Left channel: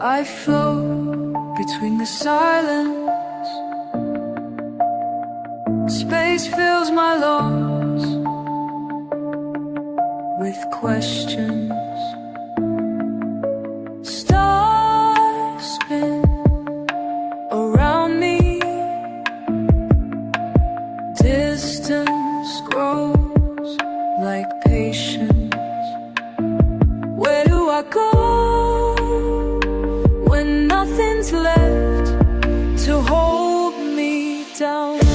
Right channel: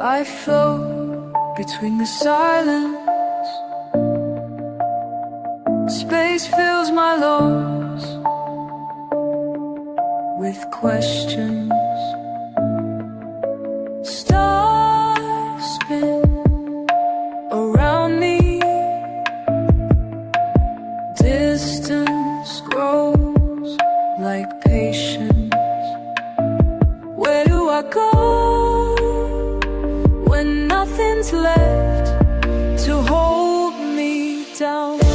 I float between the silence. Space fills my lungs with questions. Stars spin around me. Distance grows like patience. Where do I go when nothing's left to hold me down?